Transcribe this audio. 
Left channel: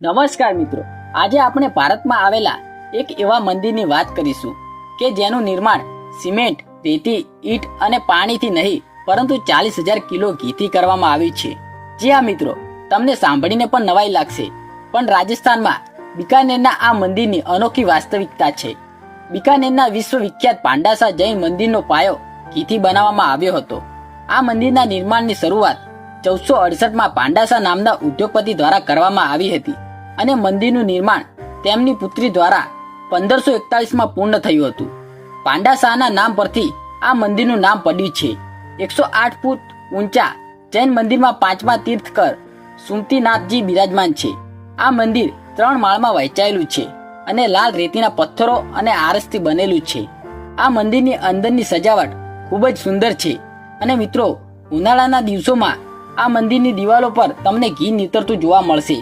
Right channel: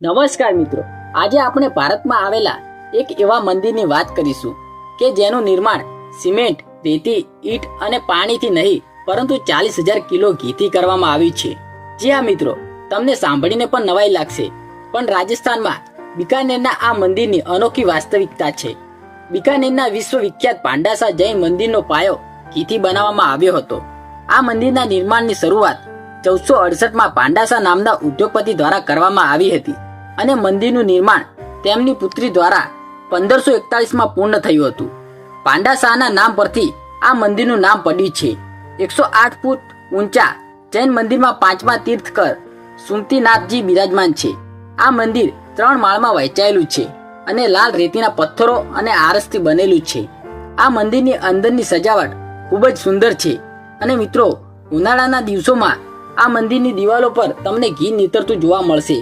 નમસ્કાર મિત્રો, આજે આપણે ભારતમાં આવેલા એક એવા મંદિરની વાત કરીશું કે જેનું નિર્માણ સિમેન્ટ, રેતી, ઈંટ અને પાણીથી નહીં પરંતુ 40,000 કિલો ઘીથી કરવામાં આવ્યું છે। જી હા મિત્રો, તમને સાંભળીને પણ નવાઈ લાગશે, પણ રાજસ્થાનમાં બિકાનેરના આ મંદિરની અનોખી વાસ્તવિકતા છે। બિકાનેરના વિશ્વવિખ્યાત પાંડાસા જૈન મંદિરનો પાયો ઘીથી બનાવવામાં આવ્યો હતો। આ મંદિરના નિર્માણની શરૂઆત 1468માં પાંડાસા નામના ઉદ્યોગપતિ દ્વારા કરવામાં આવી હતી અને મંદિરનું નિર્માણ તેમની પુત્રી દ્વારા 1541માં પૂર્ણ થયું હતું। પાંડાસાના નામ પરથી આ મંદિરનું નામ પડ્યું છે। 108 ફૂટ ઊંચા જૈન મંદિરમાં 5મા તીર્થકર સુમતીનાથજી બિરાજમાન છે। આ મંદિર 3 માળમાં વહેંચાયેલું છે અને લાલ રેતીના પથ્થરો અને આરસથી બનેલું છે। આ મંદિરની અંદરની સજાવટ ખૂબ જ સુંદર છે અને મિત્રો, ઉનાળાના દિવસોમાં આ મંદિરની દિવાલો પર તમને ઘી નીતરતું જોવા મળશે।